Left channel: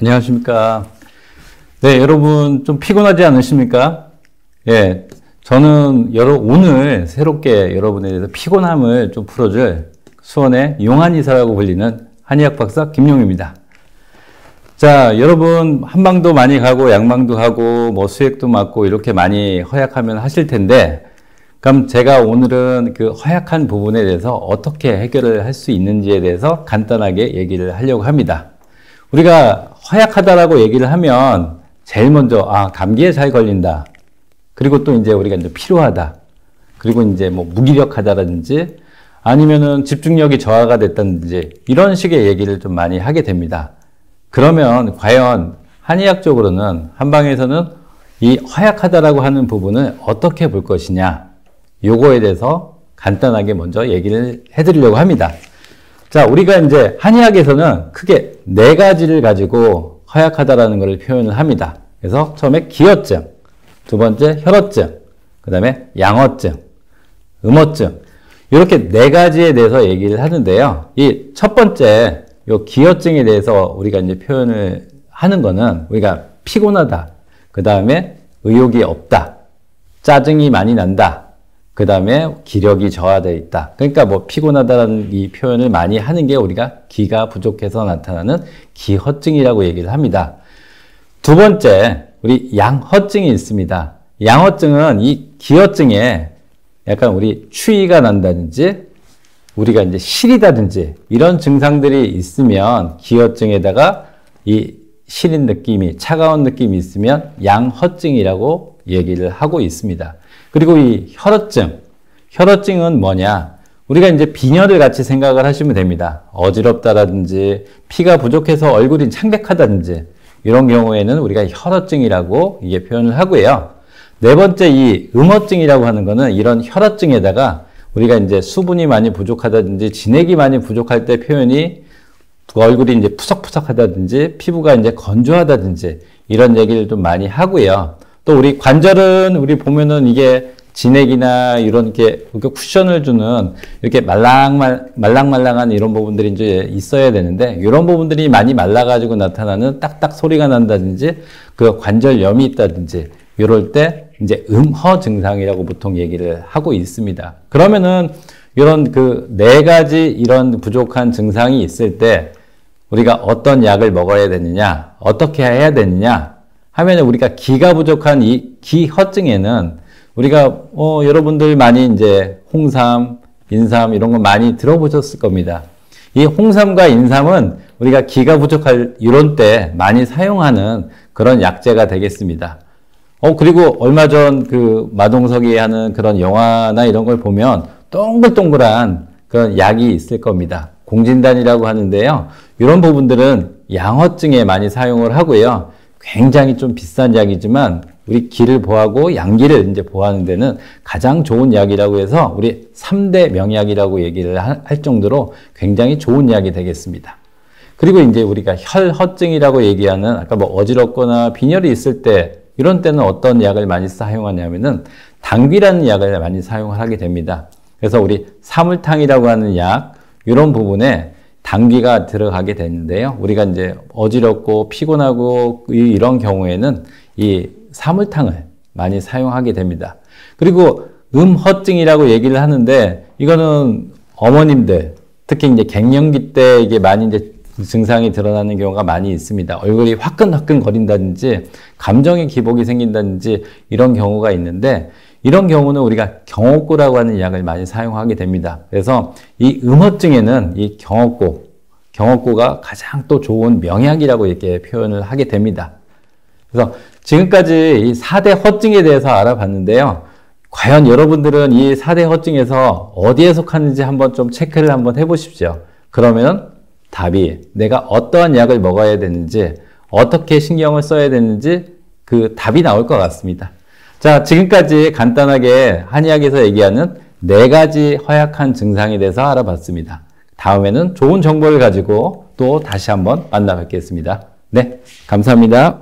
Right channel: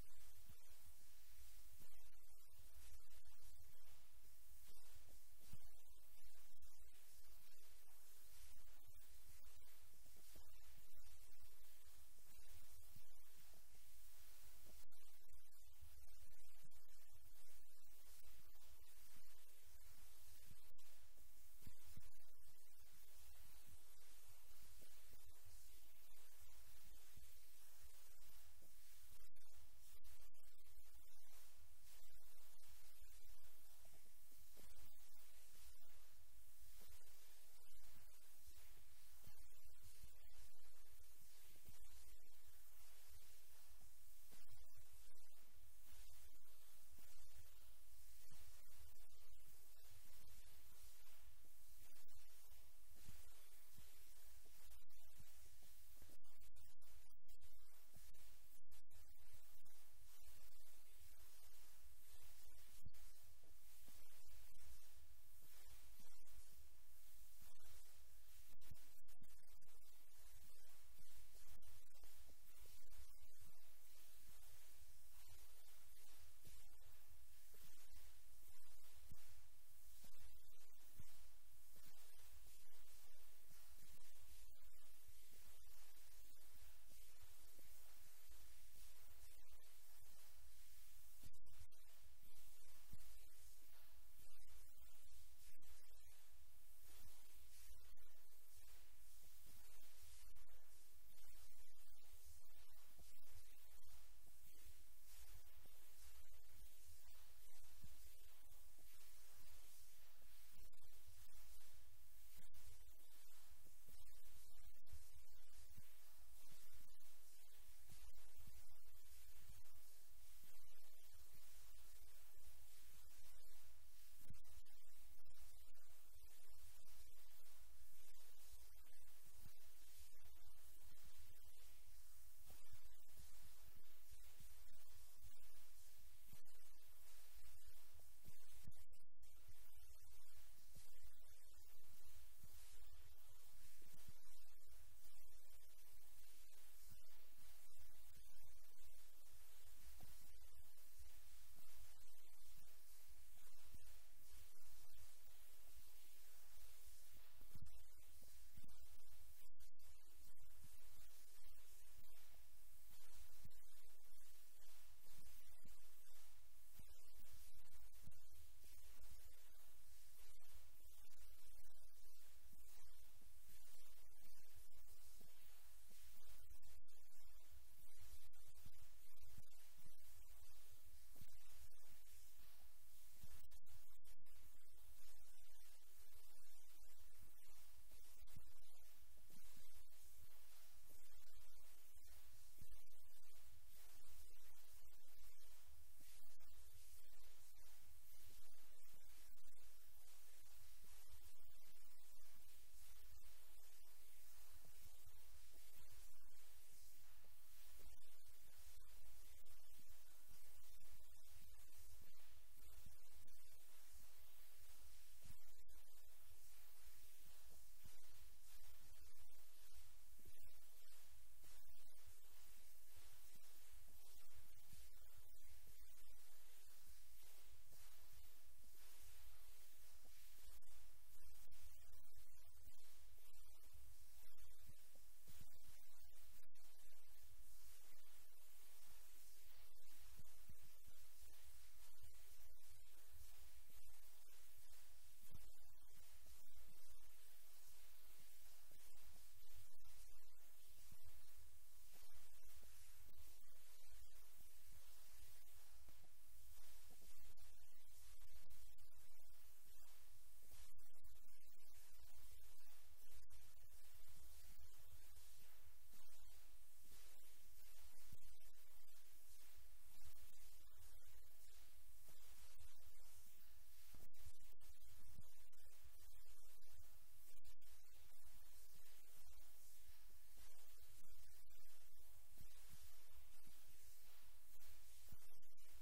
안녕하십니까. 네, 여러분 좀 피곤하지 않으십니까? 예, 저는 오늘 새롭게 여러분에 대해서 피곤함을 좀 풀어줄 수원의 용한의사라고 불리는 한의학 박사 김용입니다. 자, 여러분 한방도 많이 가고 양방도 가고 뭐 수액도 맞고 이렇게 많이 허약하면 하실 텐데, 그럼 제가 오늘은 그 허약한 부분에 대해서 어떻게 해결을 할 수 있는지에 대해서 간단하게 얘기를 하려고 합니다. 우리가 허약하다라고 얘기를 하면 제일 먼저 감기에 잘 걸린다. 그리고 또 이제 우리가 이제 피로하다. 그리고 이제 뭐 무기력하다라든지 아니면은 집중력이 저하가 됐다든지 이런 식의 얘기를 좀 많이 하게 됩니다. 그러면 과연 한의학적으로는 한방에서는 이 허약하다라고 하는 부분을 어떻게 볼 것이냐, 요거에 대해서 간단하게 먼저 얘기를 해드리려고 합니다. 자, 우리가 이제 한의학에서는 크게 4가지를 가지고 허약하다라는 것을 표현을 합니다. 그래서 처음에 기혈증, 두 번째 혈어증, 그 다음에 양어증, 음어증, 이렇게 4가지에 대해서 얘기를 하는데요. 이 첫 번째 요 기혈증에 대해서 우리가 이제 표현을 하는 거는 우리가 피곤하다, 그 다음에 의욕이 없다, 짜증이 많이 난다, 그 다음에 기력이 저하되어 있다. 그러니까 뭐 피곤하다는 이 표현을 많이 하는 게 우리가 기가 부족해서 나타나는 기허증이라고 얘기를 합니다. 두 번째, 우리 양허증이 있습니다. 양허증은 이 기허증에 약간 우리 추위가 난다든지 우리가 이제 시리다든지 이런 증상들이 있으면 기허증에다가 이 시린 느낌이, 차가운 느낌이 있으면 양허증이라고 얘기를 하고 있습니다. 그리고 이 혈어증은 뭐냐? 우리가 이제 빈혈을 같이 생각을 하시면 됩니다. 어지럽다라든지 피가 부족해서 얼굴이 창백하다든지 이런 경우에는 우리가 혈어증이라고 이게 표현을 하고요. 네 번째 이 음어증이라고 하는 거는 이런 혈어증에다가 우리가 이제 수분이 많이 부족하다든지 진액이 많이 부족할 때 표현이 얼굴이 이제 푸석푸석하다든지 피부가 이제 건조하다든지 이런 얘기를 좀 많이 하고요. 또 우리 관절은 우리 보면은 이게 진액이나 이런 게 쿠션을 주는 이렇게 말랑말랑한 이런 부분들이 이제 있어야 되는데 이런 부분들이 많이 말라가지고 나타나는 딱딱 소리가 난다든지 그 관절염이 있다든지 이럴 때 이제 음허 증상이라고 보통 얘기를 하고 있습니다. 그러면은 이런 그 4가지 이런 부족한 증상이 있을 때 우리가 어떤 약을 먹어야 되느냐, 어떻게 해야 되느냐 하면 우리가 기가 부족한 이 기허증에는 우리가 여러분들 많이 이제 홍삼, 인삼 이런 거 많이 들어보셨을 겁니다. 이 홍삼과 인삼은 우리가 기가 부족할 이런 때 많이 사용하는 그런 약재가 되겠습니다. 그리고 얼마 전 그 마동석이 하는 그런 영화나 이런 걸 보면 동글동글한 그런 약이 있을 겁니다. 공진단이라고 하는데요. 이런 부분들은 양허증에 많이 사용을 하고요. 굉장히 좀 비싼 약이지만 우리 기를 보하고 양기를 이제 보하는 데는 가장 좋은 약이라고 해서 우리 3대 명약이라고 얘기를 할 정도로 굉장히 좋은 약이 되겠습니다. 그리고 이제 우리가 혈허증이라고 얘기하는 아까 뭐 어지럽거나 빈혈이 있을 때 이런 때는 어떤 약을 많이 사용하냐면은 당귀라는 약을 많이 사용을 하게 됩니다. 그래서 우리 사물탕이라고 하는 약 이런 부분에 당귀가 들어가게 되는데요. 우리가 이제 어지럽고 피곤하고 이런 경우에는 이 사물탕을 많이 사용하게 됩니다. 그리고 음허증이라고 얘기를 하는데 이거는 어머님들 특히 이제 갱년기 때 이게 많이 이제 증상이 드러나는 경우가 많이 있습니다. 얼굴이 화끈화끈 거린다든지 감정의 기복이 생긴다든지 이런 경우가 있는데 이런 경우는 우리가 경옥고라고 하는 약을 많이 사용하게 됩니다. 그래서 이 음허증에는 이 경옥고가 가장 또 좋은 명약이라고 이렇게 표현을 하게 됩니다. 그래서 지금까지 이 4대 허증에 대해서 알아봤는데요. 과연 여러분들은 이 4대 허증에서 어디에 속하는지 한번 좀 체크를 한번 해보십시오. 그러면 답이 내가 어떠한 약을 먹어야 되는지 어떻게 신경을 써야 되는지 그 답이 나올 것 같습니다. 자, 지금까지 간단하게 한의학에서 얘기하는 4가지 허약한 증상에 대해서 알아봤습니다. 다음에는 좋은 정보를 가지고 또 다시 한번 만나 뵙겠습니다. 네, 감사합니다.